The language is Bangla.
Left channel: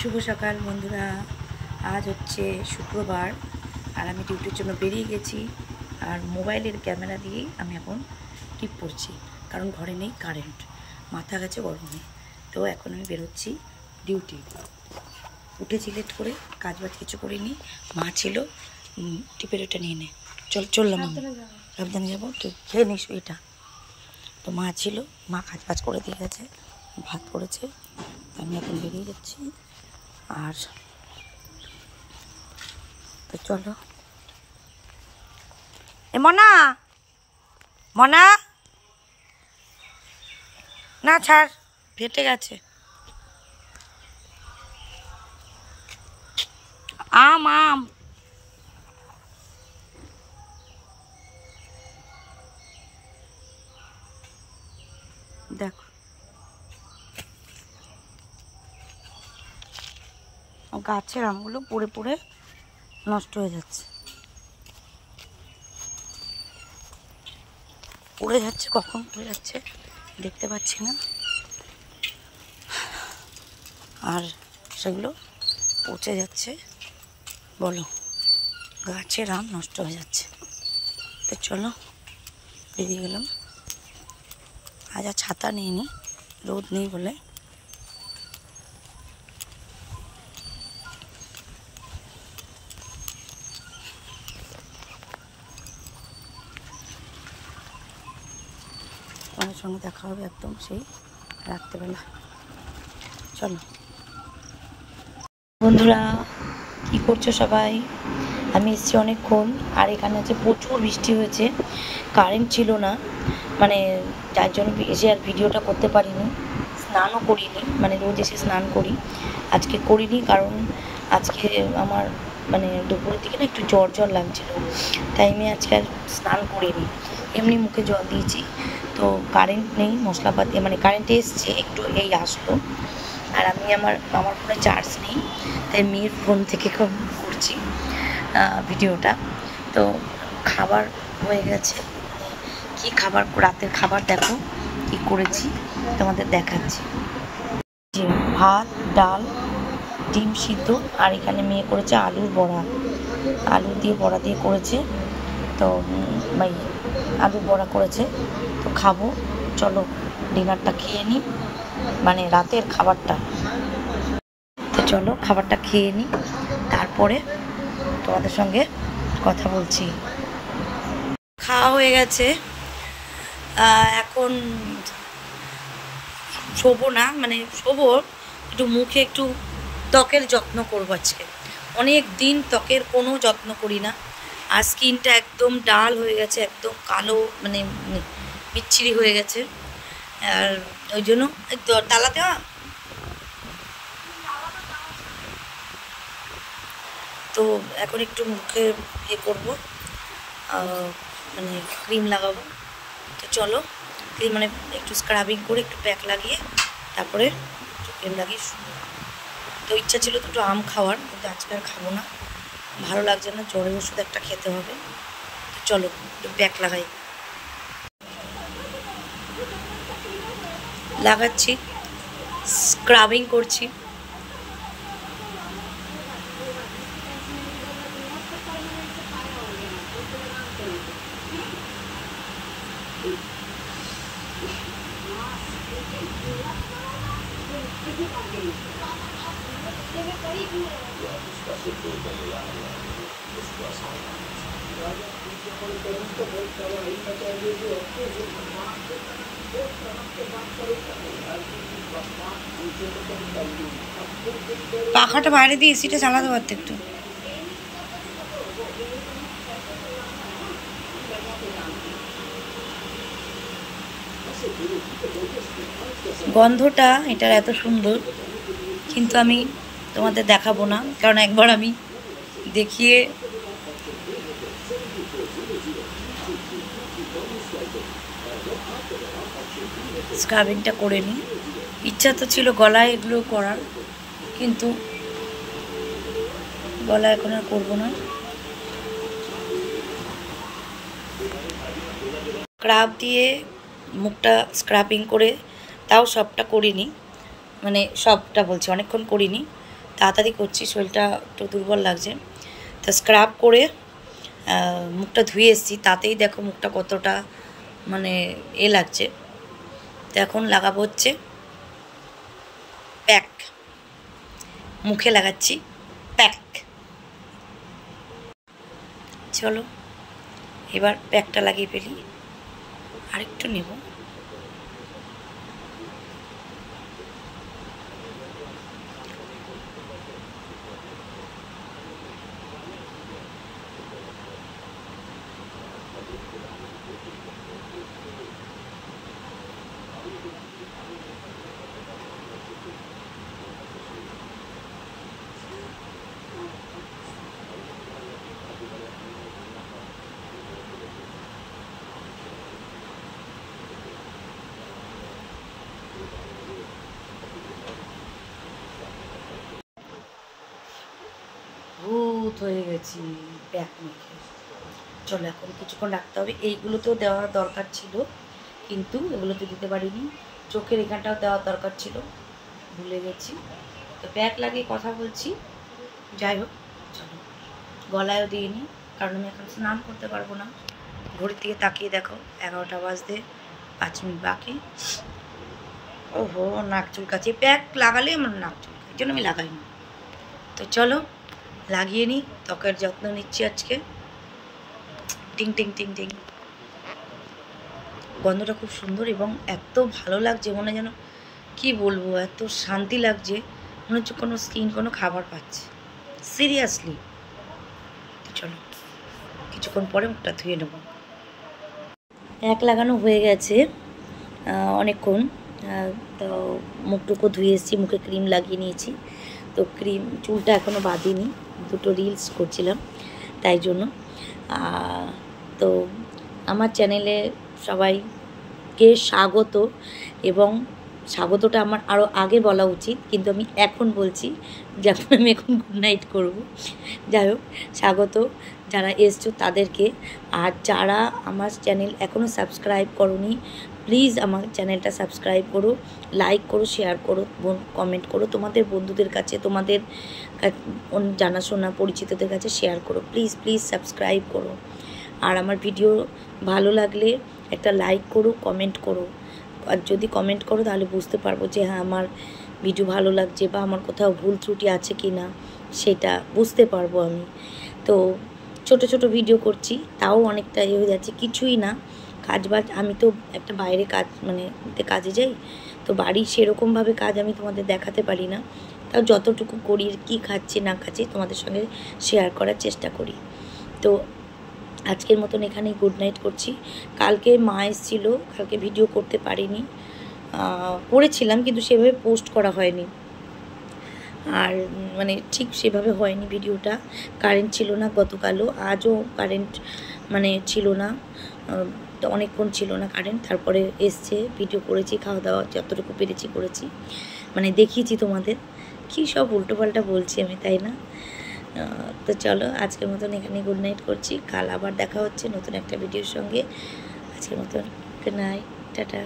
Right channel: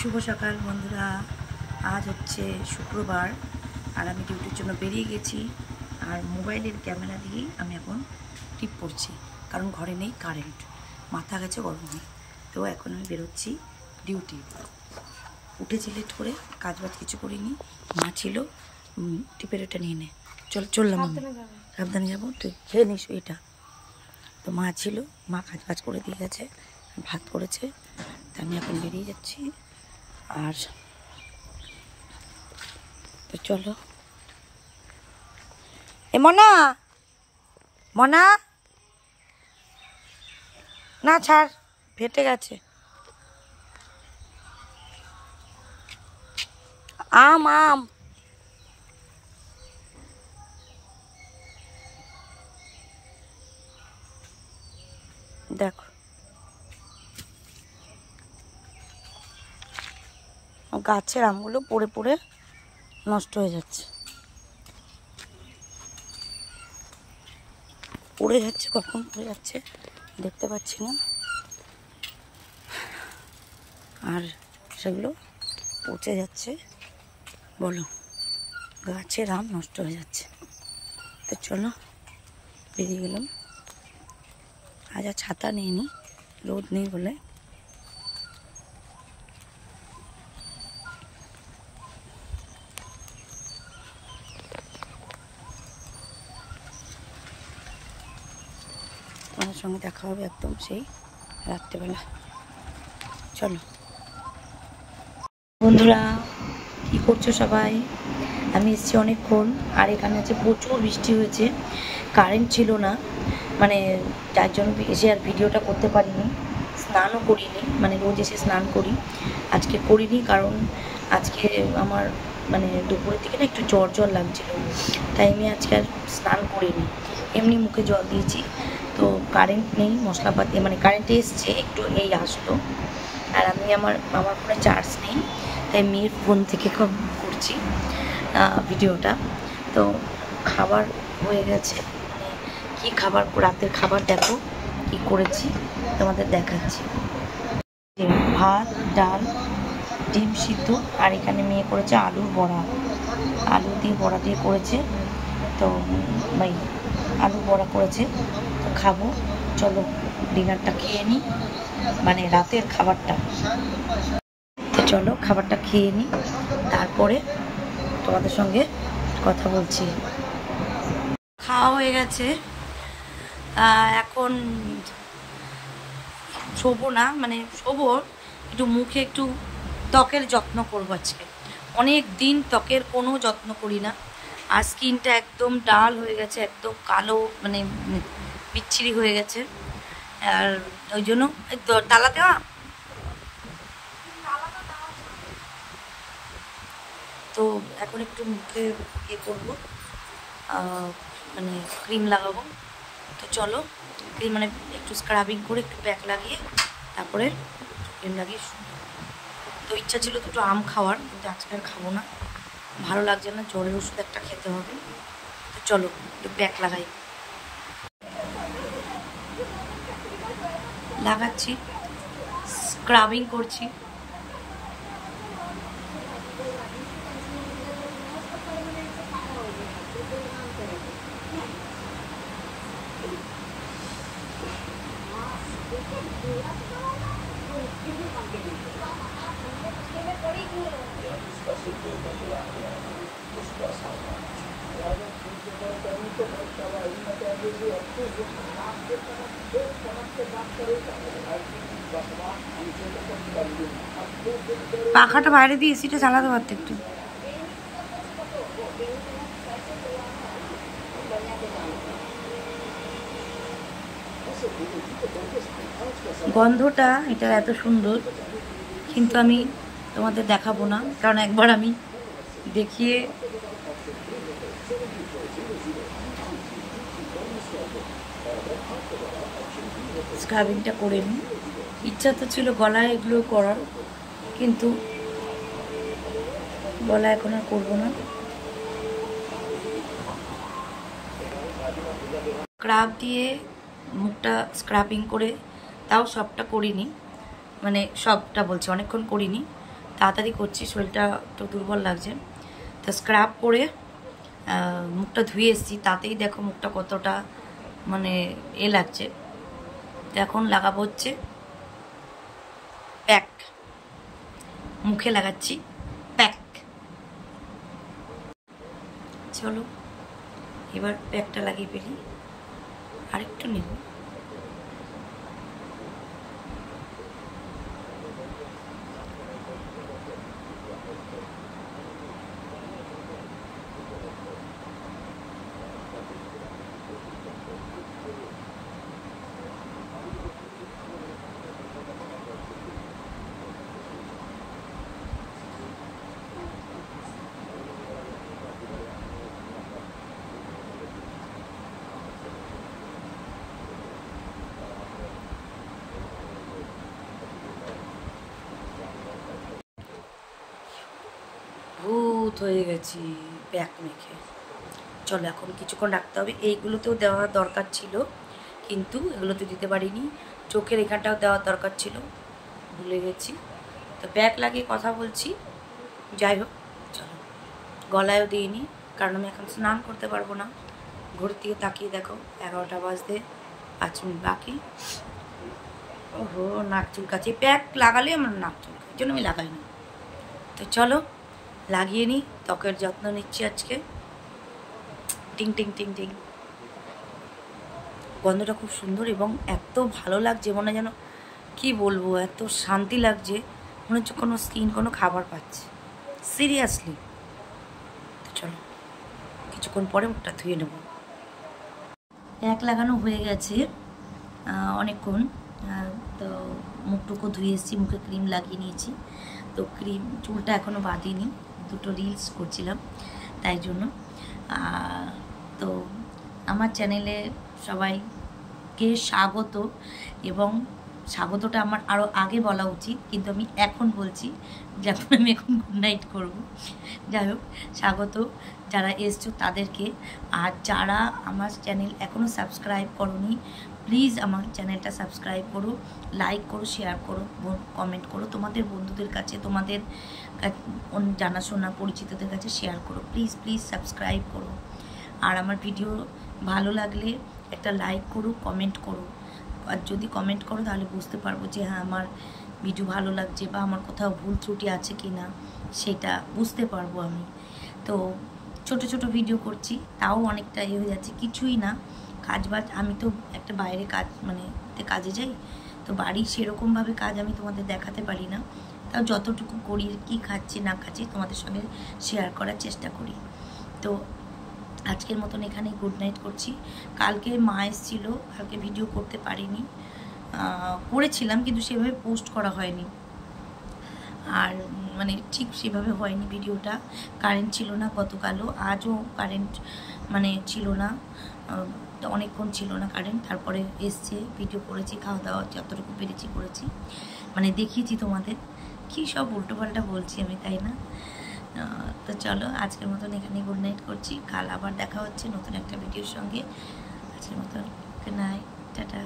শুভ সকাল বন্ধুরা। আজ হচ্ছে শুক্রবার আর আমি ডিউটির জন্য বেরিয়ে গেছি। আর মোবাইলের ক্যামেরা দিয়েই আমি এখন টিপ পড়ছি, কারণ ঘরে নেই কারেন্ট, মাথা গেছে গরমে। তো এখন আমি বেরোচ্ছি ডিউটি। উঠেছি লেট করে, কাজবাজ কিছু করিনি। মা ছিল, টিপের এটা নিয়ে নে, চললাম আমি। সাবধানে যাবো, তুই খেয়ে নিস এটা। তো মা ছিল, মা কাজ করে দিয়ে গেছে, ভাত করেছে। তা আমি এখন বেরিয়ে যাচ্ছি। আর তো চলো। এ মনা, মনা না ছাড়, ফেটে গেছে। আম আম দেখো, গাছের আমগুলো পড়ে পড়ে নষ্ট হয়ে যাচ্ছে, পড়ে যাচ্ছে, কখন পড়ে যাচ্ছে দেখতে পাচ্ছি না। আর সেগুলো পচে যাচ্ছে, বলো, গাছের আম নষ্ট হয়ে যাচ্ছে। তো চলো, বেরিয়ে গেলাম। আজ আর ছাতা নিইনি, রোদ নেই বলে। তোমার সঙ্গে দেখা হবে একদম সেই রাত্রেবেলা। চলো বন্ধুরা, কি করছো সবাই? আমি এসেছি অনেকক্ষণ, আর এখানে আছে প্রচুর বৃষ্টি হয়েছে, কারেন্ট ছিল না, মানে যার জন্য এসে আর ভিডিওটা করতে পারিনি। স্নানও করিনি, মানে রোজ এসে স্নান করি, আজকে করিনি, কারণ আজকে আমার মানে দুপুরের দিকে না একটু জ্বর লাগছিল, তাই আমি আজকে আর স্নান করিনি, এমনি মুখে জল দিয়েছি। তো কারেন্ট নেই, মশলাপাতি মানে কারেন্ট এসছে একটু, এই আসলো। আর আমি আমার ফোনে চার্জ নেই, তাই মেয়ের ফোন থেকে করছি ভিডিওটা। তো খাবার হয়ে গেছে, কি খাবার, রাতের খাবার দেখো কি করেছি, তোমাদের দেখাচ্ছি। যে ভাত, ডাল, ডিম সিদ্ধ, আর এখানে মেয়ে করেছে আলুর বড়া, আলু দিয়ে বড়া দিয়ে করেছে। তো ভাই আলু বড়া করেছে, তো খাবো। চলো ডিনারটা খেয়ে নিই, মানে রাতের খাবারটা। তো চলো খাবারটা খেয়ে নিই, তারপরে তোমাদের সঙ্গে কথা বলছি। খাওয়া হয়ে গেছে, এখন শোবো না, মানে শোবো, একটু মুখে একটু ত্বকের যত্ন করবো আজকে। অনেক দিন ত্বকের কোনো যত্ন করি না, আর স্কিনটা একদম ডাল হয়ে গেছে, একদম কালো, মানে বিচ্ছিরি হয়ে গেছে। আর ওই জন্য তালা দেওয়া, তো এখন একটু মুখে ইয়ে করবো, মানে ক্রিম লাগাবো। তো চলো, ক্রিম মানে একটু স্ক্রাবিং করে একটু প্যাক লাগিয়ে তারপরে ক্রিম লাগিয়ে। তো ইচ্ছা ছিল দুটো আম খাওয়ার, কিন্তু আজকে আর খাবো না, ভালো লাগছে না, জ্বরের ওষুধ একটা খেতে হবে। তো চলো একটু প্যাক লাগাই। লাগাচ্ছি, স্ক্রাবিং করছি। পাখাটা বাইরে দিয়ে এসিটা চালাতে পারতো একটু। গন্ধটা এটার এত সুন্দর, কিন্তু আমি তোমাদের দেখাবো না, কারণ একবার আমি দেখিয়ে স্ক্রাবিংটা করে নিই। ইচ্ছা তো ছিল গলায় এগুলো করার, কিন্তু গলায় এখন আর করবো না। স্ক্রাব দিয়ে মুখটা স্ক্রাবিং করে, তাও সবটা করিনি, মানে সবটা বলছি, অনেকক্ষণ করিনি। তাড়াতাড়ি করছি, শরীরটা একটু দুর্বল লাগছে। তো স্ক্রাব করে মুখটা ধুয়ে এসেছি, তাতেই দেখো মুখটা কতটা মানে লাগছে। তো এখন লাগাবো হচ্ছে প্যাক, মুখে লাগাচ্ছি প্যাক। চলো এবার প্যাকটা লাগিয়ে ফেলি, আরেকটু নেব। ভূত হয়ে গেছি প্যাক মেখে। চলো এখন কিছুক্ষণ রাখতে হবে। এইগুলোতেও দেওয়ার দরকার ছিল, কিন্তু এগুলোতে দিতে পারিনি। চোখের এখানটাও দেওয়ার দরকার ছিল, ভুলে গেছি। তো প্যাক লাগিয়ে কথা বলছি। যাই হোক, চলো। গলায়ও দিইনি, কারণ আমি এখন স্নান করতে পারবো না। ঘড়ির দিকে তাকিয়ে দেখো 11টা বাজতে 5 মিনিট বাকি। ওহো, নাক চুলকাচ্ছে। প্যাক লাগালে আমার নাক চুলকায়, এই জন্য আমি লাগাই না। তো চলো লাগিয়ে নিই। ত্বকের যত্ন নিচ্ছি আজকে। টিং টিং টিং টিং, গন্ধটা খুব সুন্দর এবং এত ভালো লাগছে, মনে যেন কি বলবো, এত শান্তি লাগছে, মনে হচ্ছে কোনো স্কিন কোনো খাবার পাচ্ছে, সিরিয়াসলি। চলো কিছুক্ষণ পরে মুখটা ধুয়ে নেব। প্যাক লাগানো হয়ে গেছে অনেকক্ষণ। তো মুখটুকু ধুয়ে এসেছি, মুখে ক্রিম লাগিয়ে নিয়েছি। তো ক্রিম, চুলটা এখনও বাঁধিনি, দুটো রিলস করছিলাম তাই জন্য। তো আমার চ্যানেলে সবাইকে স্বাগত, এবং স্বাগতটা আমার আরও আগে বলা উচিত, কিন্তু আমি এখন বলছি, যখন আমি এখন গুড নাইট করবো। যাই হোক, স্বাগত যারা এসছো তাদেরকে। আর যারা আমার চ্যানেল এখনও সাবস্ক্রাইব করোনি, প্লিজ আমার চ্যানেলটা সাবস্ক্রাইব করো, লাইক করো, শেয়ার করো, কমেন্ট করো, তোমাদের বন্ধুদের কাছে, তোমাদের জানাশোনা পরিচিতদের কাছে শেয়ার করো। প্লিজ প্লিজ সাবস্ক্রাইব করো। আর আমার ভিডিও ভালো লাগলে একটা লাইক করো, কমেন্ট করো। আর যদি কমেন্ট করো তাহলে বুঝতে পারবো যে হ্যাঁ আমার ভিডিও ভালো লাগছে, বা আমার কোথাও ভুল ত্রুটি আছে কি না সেটা বুঝতে পারবো আমি। তো ছোট ছোট ভিডিও করছি, তাও অনেকটা হয়ে যাচ্ছে, কিছুই না। কাজ বাজ, আমি তো একটা বাইরে কাজ মানে কাজে যাই, তো বাড়ির সেরকমভাবে কাজ আমি তোমাদের দেখাতে পারি না। তাও যতটুকু করি, কি খাচ্ছি না খাচ্ছি তোমাদের সঙ্গে শেয়ার করার চেষ্টা করি। তো আজকের মতন এখানেই গুড নাইট করছি। কালকে মা এসেছিল, কালকে ভিডিও করতে পারিনি, করেছিলাম কিন্তু সেভাবে পোস্ট করা হয়নি, আর মানে ঠিক সেভাবে হয়নি ভিডিওটা। কারেন্ট ছিল না গতকালও, আজও কারেন্ট মানে ছিল না, অনেকক্ষণ ছিল না কারেন্ট। তারপরে এসছে, ভিডিও করেছি, খাওয়া দাওয়া যতটুকু পেরেছি করেছি, মানে দেখিয়েছি তোমাদের। কী সব উল্টোপাল্টা বলছি আমি, তাই না? তো চলো আজকের মতন এখানে গুড নাইট করছি। কাল আবার দেখা হচ্ছে নতুন একটা ভিডিওর সঙ্গে। আজকের মতন গুড নাইট, টাটা।